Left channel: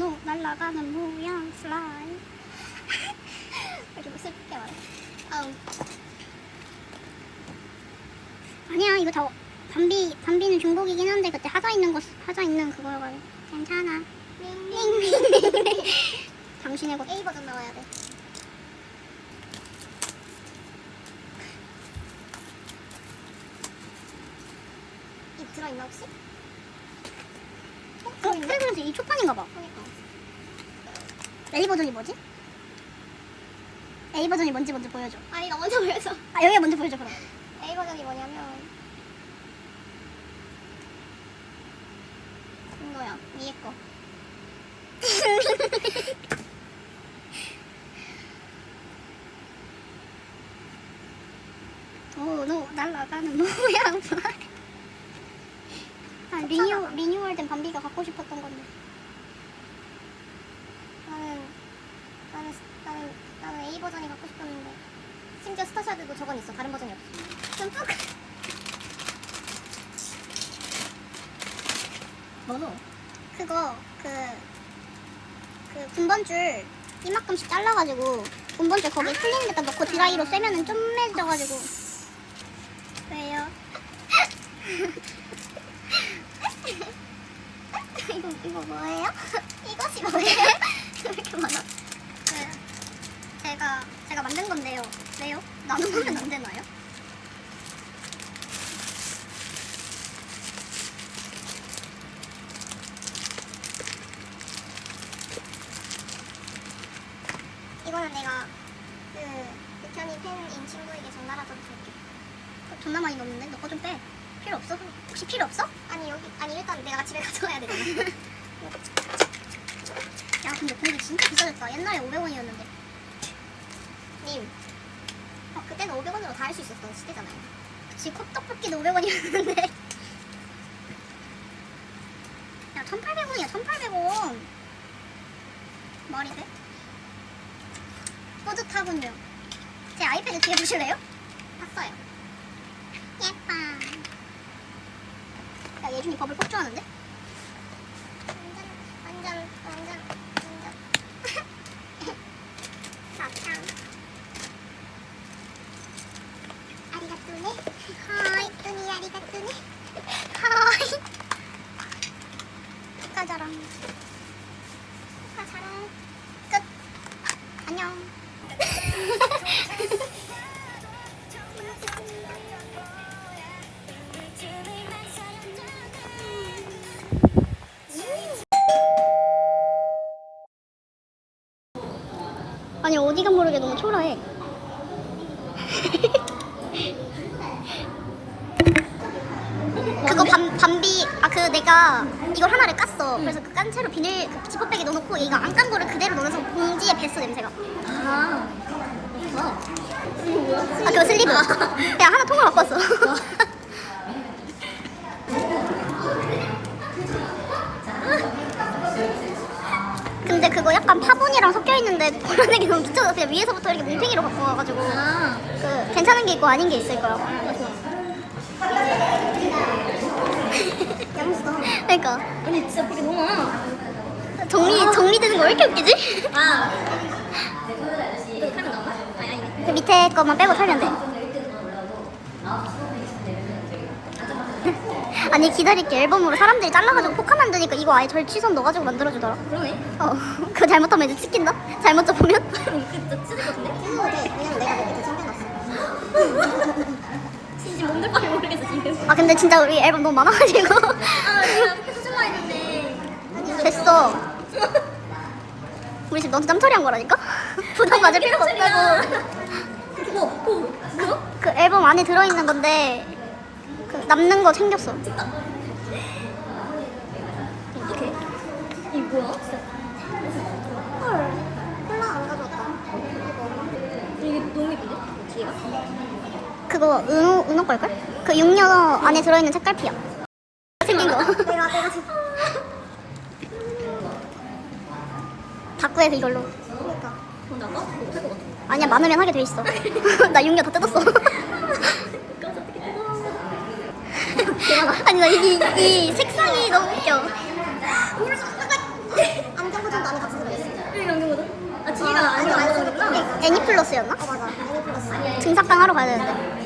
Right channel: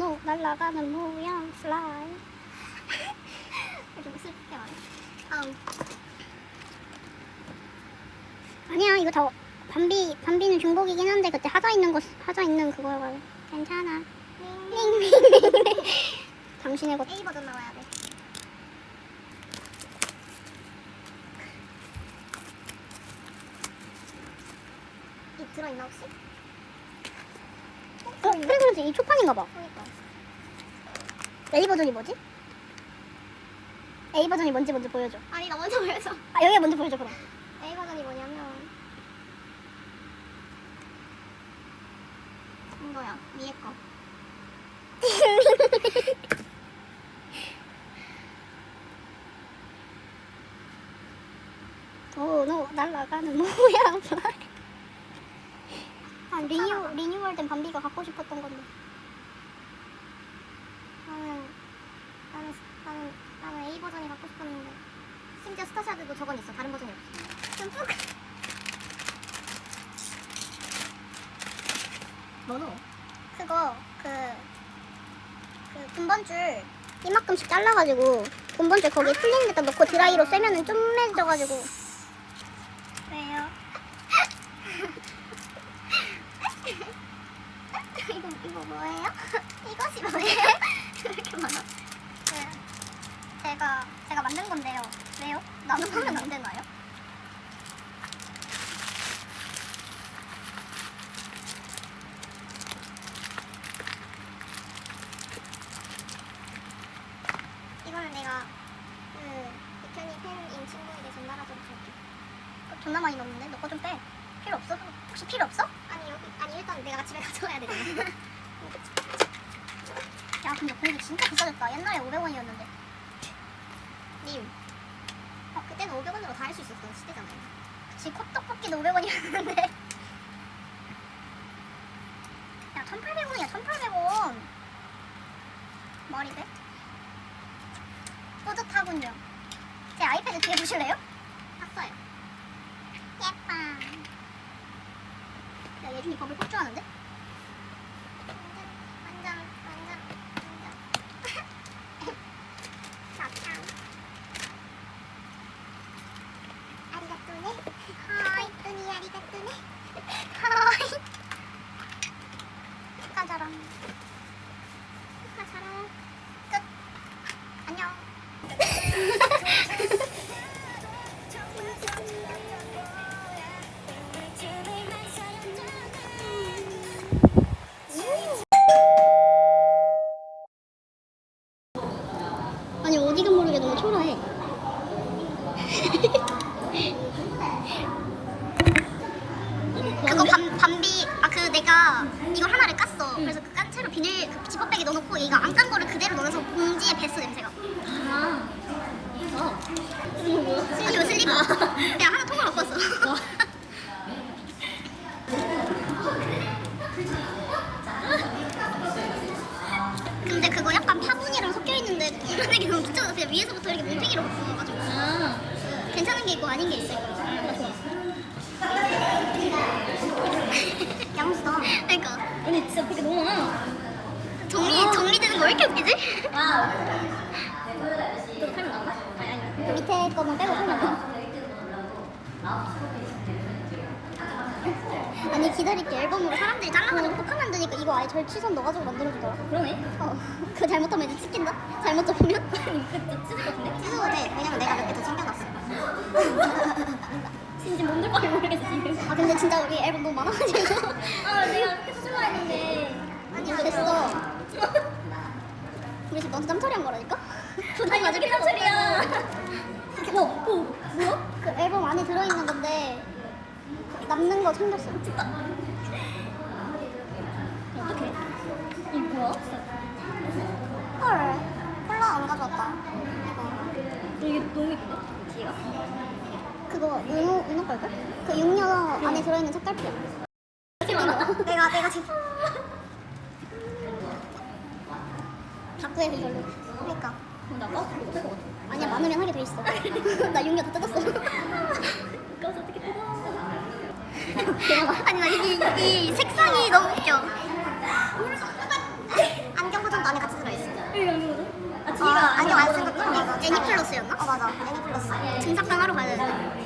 노 날아가는 모양 슬라임. 이렇게 슬프게 말해. 아니야, 이거 다 담비 담비는 중복이긴 한데 그때 하자 있는 거 하자 있는 그거여가지고 괜찮아. 당신의 것 A 버전 나와야 돼. 이 들어있나 혹시? 어? 그래서 이 초판인가 봐. 그러니까. A 버전이 뭐지? A 버전이 뭔지 먼저 보여줘. 아 이거 먼저 보여줘. 아 여기 먼저 보여줘 그럼. A 버전이 뭐냐면 이거야 위에 거. 도노 날아가는 모양 슬라임. 아 리뉴 리뉴얼된 밤비가 갖고 싶었던 건데. 나는 나는 나는 나는 A 버전이 갖고 싶었는데 심지어 스타샤드도 저건 있어 다른 버전이 없어. 좀 푹. 뭐노? 그거 그, 그 군번줄 이만큼씩 잘라가지고 군번줄 거기에 풀리는 데다 넣고 드라이로 쐬면은 좀매져가지고 왜요? 이거 이거 뭐예요? 이것이 뭐예요? 왜 이렇게 많아? 그 제가 제가 만든 건데요. 왜요? 나눔하면 안 되나요? 이거는 내가 그 백현이 팬인 친구에게 전달하도록 할게. 그거 존나 많이 넣었는데 너 거 좀 빼. 필요 없어? 혹시 필요 없어? 아니 여기 아니 일단 내가 집에 가져가야 되잖아. 야 근데 공기 진짜 비싸졌다. 옛날에 500원이었는데. 님. 어, 그때는 500원으로 다 할 수 있었던 시대잖아요. 그치 컵떡볶이도 500원이었는데. 야 1,800원이야 1,800원. 말이 돼? 뿌듯하군요. 제 아이패드 뒤에 보실래요? 샀어요. 예뻐. 야 예준이 버블 폭주하는데? 하이. 가자랑. 어디가 모르게 너무 초라해. 그거 밤, 밤비 아 그 내가 이걸 하나를 깠어 그래서 그 깐 채로 비닐 그 지퍼백에 넣어놓고 이거 안깐 거를 그대로 넣으면서 봉지에 뱄어 냄새가 아. 이거 뭐야? 아 그거 슬리브 내가 하나 통을 갖고 왔어 근데 그거 약간 파분이랑 섞여 있는데 보라색이 너무 그냥 위에서부터 이렇게 뭉탱이로 갖고 와가지고 아. 그 괜찮은 게 있고 아닌 게 있을 거야 양수도. 그러니까 아니 진짜 그게 너무 많아. 정리 정리되는 거 왜 이렇게 웃기지? 아. 그 밑에 것만 빼고 살면 돼. 아니 기다릴게 앨범으로 사람들이 잘라가지고 포카 만드니까 이거 아예 절취선 넣어가지고 만들어주더라. 그러네. 어, 그거 잘못하면 이제 찍힌다? 잘못 접으면? 그진짜 찢을 것 같은데? 찢어도 돼. 왜냐면 내가 몇 개더 챙겨놨어. 진짜 뭔들 바를 모르겠어 지금. 아 근데 진짜 우리 앨범 너무 많아가지고 아 내가 이렇게 사줄라 했는데. 됐어. 우리 지금 너도 짬처리한 거라니까? 부담 가질 필요가 없다고. 뭐? 뭐? 뭐야? 그 앨범 안에 들어있는 건데 그 남는 거 챙겼어. 찍다. 어떡해? 이게 뭐야? 헐, 콜라 안 가져왔다. 이게 너무 예쁜데? 뒤가? 그거 은호 은호 걸걸? 그 육녀 안에 들어있는 책갈피야. 생긴 거. 내가 내가 지금 다꾸해서 이걸로. 그러니까 나가? 못할 것 같아. 아니야 많으면 하게 돼 있어. 나 6년 다 뜯었어. 아니 나이이 색상이 너무 웃겨. 안경 보정도 안에 같이 들어있어. 여기 연기 거든? 아, 뒤가 아, 아니, 안 보는구나. 애니플러스였나? 아 맞아. 아니 플러스. 증삭당 하러 가야 되는데.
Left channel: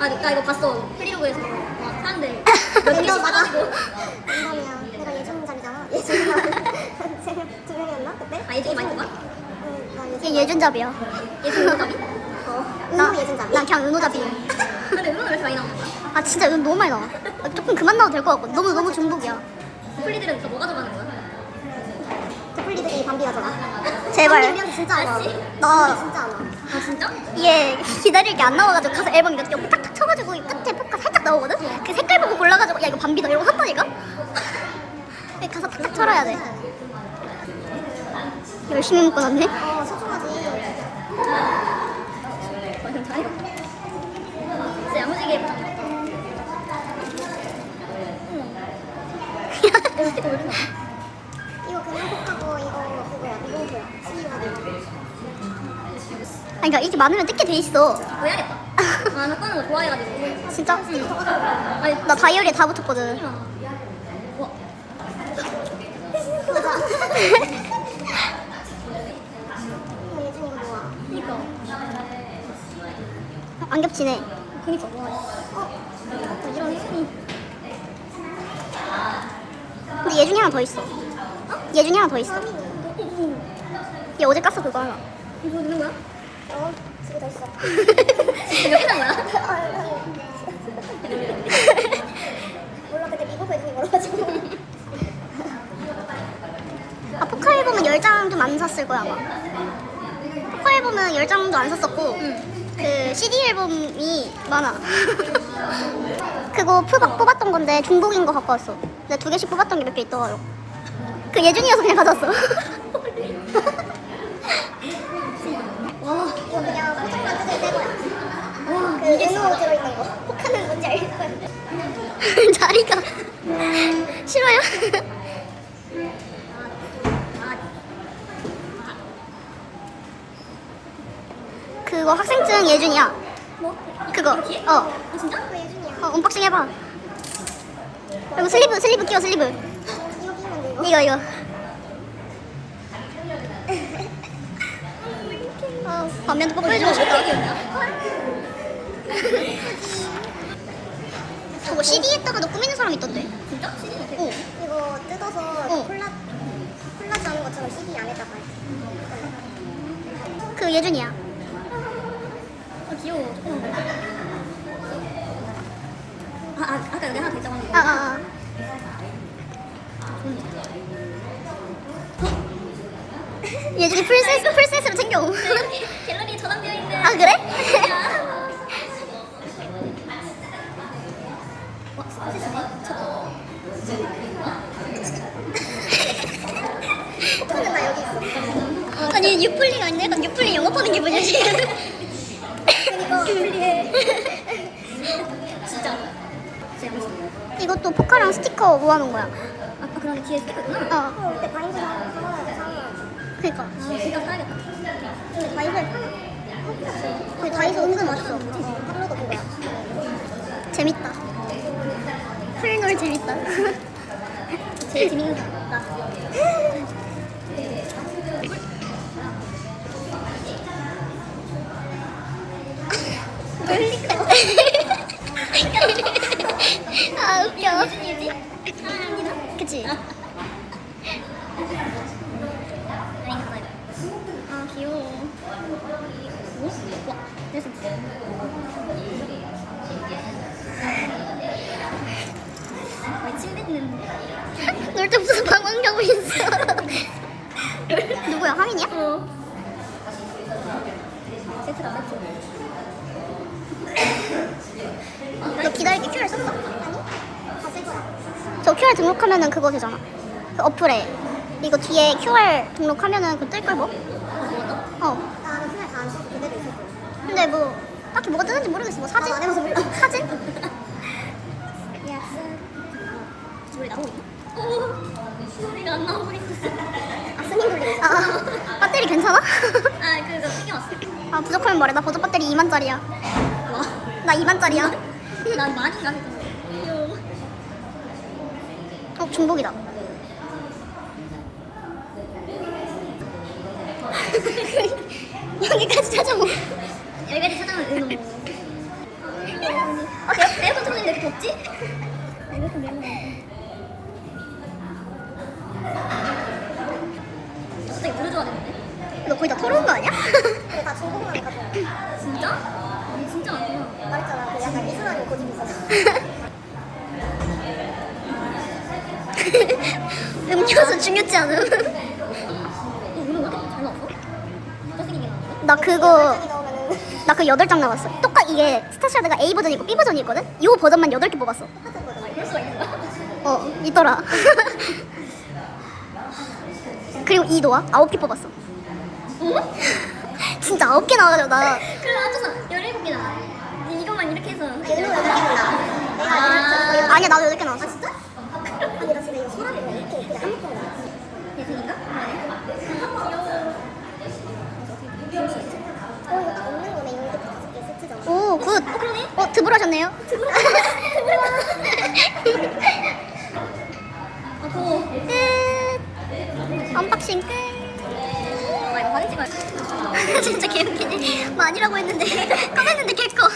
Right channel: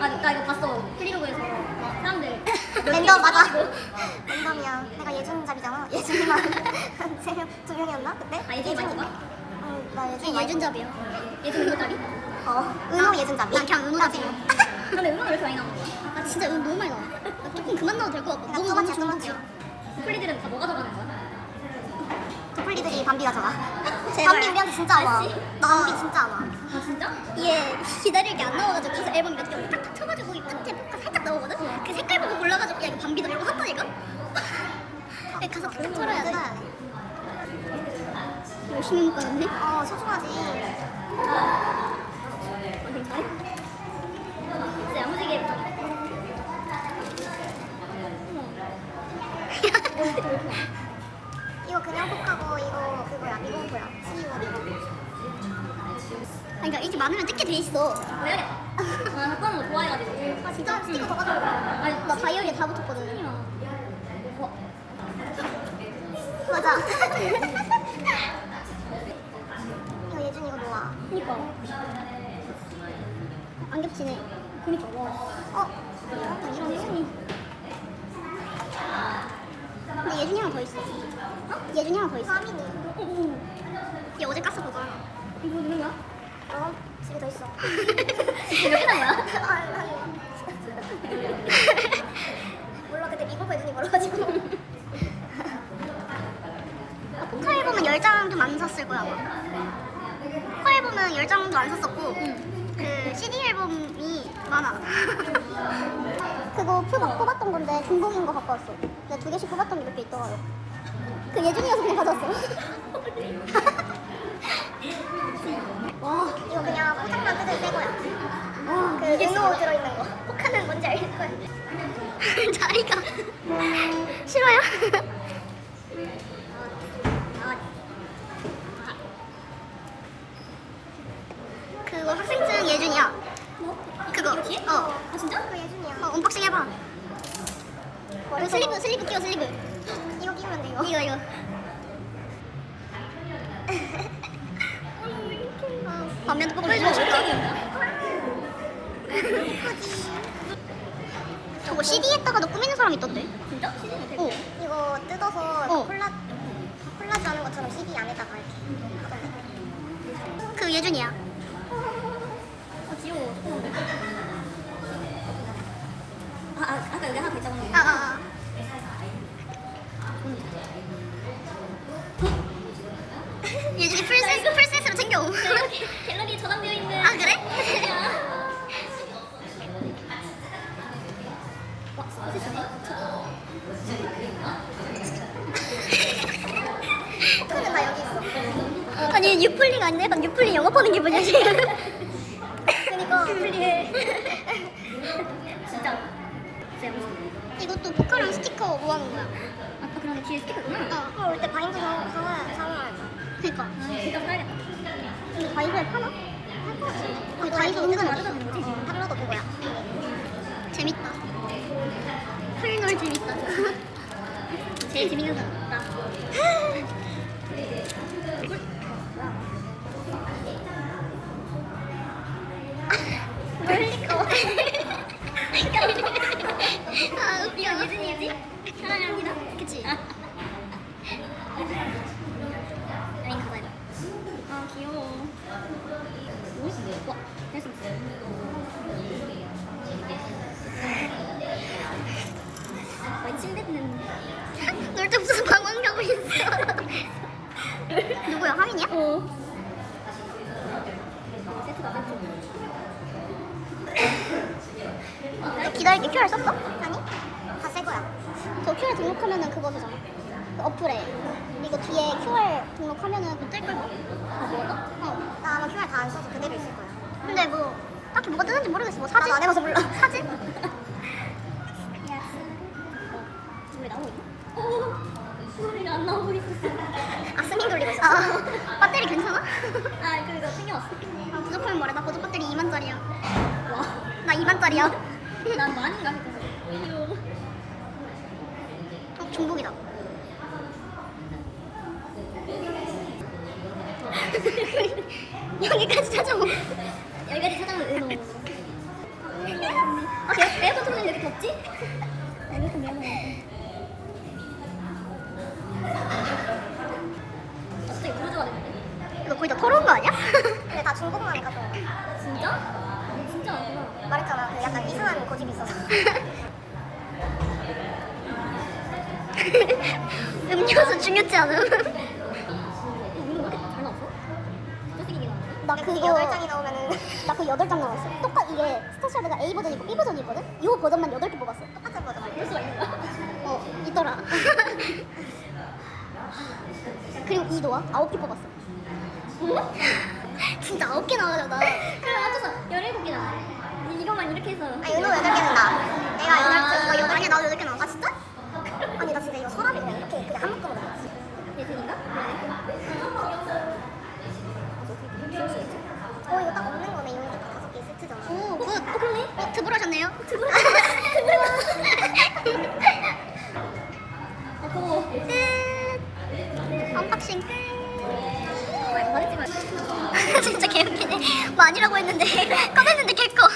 아, 나 이거 봤어. 프리로그에서 막 사람들 랜더 맞아. 예준이야. 내가 예준 자리잖아. 예준이랑 세명두 명이었나 그때? 아, 예준이 많이 뽑아? 응, 나얘 예준. 예준잡이야. 예준이 뭐자니? 어. 나- 예준 자리. 난 그냥 은호잡이. 근데 음악을 왜 이렇게 많이 나오는 거야? 아 진짜 은 너무 많이 나와. 아, 조금 그만 나와도 될 것 같고 너무 너무 중독이야. 플리들은 다 뭐가 들어가는 거야? 데플리들이 밤비가 잖아. 제발. 밤비 우리한테 진짜 안 와. 알지? 나 밤비 진짜 안 와. 아, 진짜? 이게 기다릴 게 안 나와가지고 가서 앨범 이렇게 옆에 탁탁 쳐가지고 이 끝에 포카 살짝 나오거든? 그 색깔 보고 골라가지고 야 이거 밤비다 이러고 샀다니까? 가서 탁탁 쳐라야 돼 열심히 묶고 났네 어 소중하지. 진짜 야무지게? 이거 그냥 폭하고 이거 그거야 미봉토야. 스리와 이거. 아니 그러니까 이게 많으면 뜯게 돼 있어 뭐 해야겠다. 아, 나 꺼는 거 좋아해가지고. 진짜? 아니, 나 다이어리에 다 붙였거든 와, 맞아 이거 예준 이거 뭐야? 그니까. 안 겹치네 그니까, 와. 어? 나 이런 예준이. 근데 예준이 하나 더 있어 어? 예준이 하나 더 있어 얘 어제 깠어 그거 하나 이거 넣는 거야? 어? 두개 더 있어. 몇개 산 거야? 몰라 그때 미국 예준이 걸어가지고. 아 포카 앨범은 10장 좀 안 샀을 거야 아마 포카 앨범은 10장도 안 샀었고 그 CD 앨범이 많아 그거 푸- 뽑았던 건데 중복인 거 갖고 왔어 근데 두 개씩 뽑았던 게 몇 개 있더라고 그 예준이어서 그냥 가져왔어 와 이거 그냥 포장만 뜯을 새 거야. 와, 그 은호 들어있는 거. 포카는 뭔지 알 거야. 자리가 싫어요? 그거 학생증 예준이야 뭐? 그거? 어, 아 진짜? 그 예준이야. 어 언박싱 해봐 이거 슬리브 슬리브 끼워 슬리브 이거 끼면 돼 이거. 이거 이거 어, 반면도 뽀뽀해주고 싶다 저거 CD에다가 너 꾸미는 사람 있던데 진짜? 어 이거 뜯어서 어. 콜라 콜라지 하는 것처럼 CD 안에다가 이렇게. 그 예준이야 아 그래? 아니 유플링 아닌데? 약간 유플링 영업하는 기분이야 지금. 진짜. 이것도 포카랑 스티커 모아놓은 거야 아까 그런 게 뒤에 스티커구나. 어 어 그때 바인드 사야 돼. 그니까 아, 진짜 사야겠다. 근데 다이소에 파나? 근데 다이소 은근 없어 탑로도 그거야. 재밌다 풀놀 재밌다 제일 재밌는. 나. 아 웃겨 사랑합니다. 그치? 여행 가봐야 돼. 아, 귀여워. 오? 와, 내가 좀 와, 침 뱉는. 놀때 무슨 방황 가고 있어 누구야 하민이야? 어. 세트다, 세트. 너 기다릴게 QR 썼어? 아니? 다쓸 거야. 저 QR 등록하면은 그거 되잖아 그 어플에 이거 뒤에 QR 등록하면은 그거 뜰걸 뭐? 아, 뭐 너? 어 아 나 QR 다안 써서 그대로 있을 거야. 근데 뭐 딱히 뭐가 뜨는지 모르겠어 뭐 사진? 아, 안 해봐서 몰라. 사진? 나오니? 소리가 안 나오고 있었어. 아 스밍 돌리고 있어. 아 배터리 괜찮아? 아 그거 챙겨왔어. 아 부족하면 말해 나 보조 배터리 2만짜리야 와. 나 2만짜리야 난 많이인가 했잖아. 어 중복이다 여기까지 찾아오 여기까지 찾아오면 은호. 아, 내, 에어컨 틀어주는데 이렇게 덥지? 에어컨 매너. 갑자기 물을 좋아지는데? 너 거의 다 털어온 거 아니야? 근데 다 중고구마 가져. 진짜? 어, 진짜 많구나. 말했잖아. 그 약간 이상한 고집이 있어서. 음료수 중요치 않음 어, 은호 왜 이렇게 잘 나왔어? 잘생기게 나왔네? 나 그거 나오면은 나그 8장 나왔어 똑같 이게 스타샤드가 A 버전이 있고 B 버전이 있거든? 요 버전만 8개 뽑았어 똑같은? 어 있더라 그리고 이 노아 9개 뽑았어 어? 진짜 9개 나와가지고 나 그럼 합쳐서 17개나. 이거만 이렇게 해서. 아니 은호 여기 나. 내가 아. 아니야 나도 8개 나왔어 진짜? 아니 나 진짜 이거 서랍에 왜 이렇게 그냥 한 묶음으로 넣었어. 얘 돈인가? 그러네. 어 이거 딱 없는 세트잖아. 오 굿 어, 그러네. 어 드블하셨네요 어, 고마워. 끝 언박싱 끝 아, 이거 사진 찍어야 진짜 개웃기네 많이라고 했는데 꺼냈는데 개꺼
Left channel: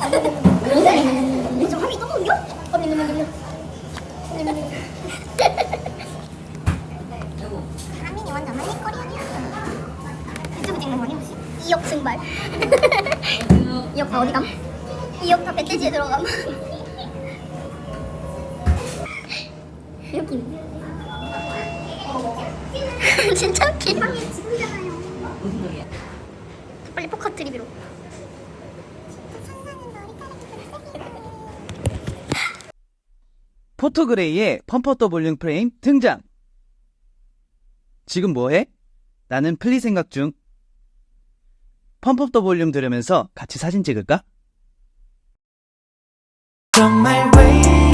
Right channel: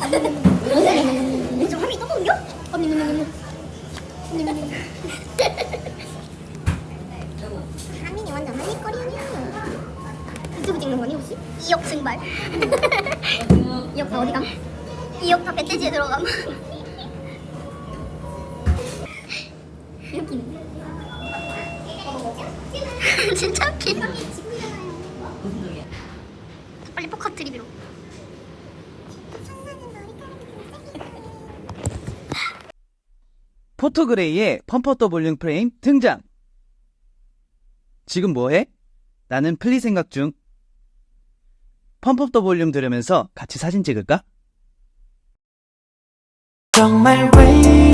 저 화면이 또 옮겨? 하민이 완전 한입 거리언이야. 유튜브 찍는 거니 혹시? 2억 증발 2억 다 어디 감? 2억 다 멧돼지에 들어감 웃기네. 진짜 웃기네 빨리 포카 드리비로 포토그레이의 펌퍼 더블링 프레임 등장. 지금 뭐해? 나는 플리 생각 중. 펌프업 더 볼륨 들으면서 같이 사진 찍을까? 정말 way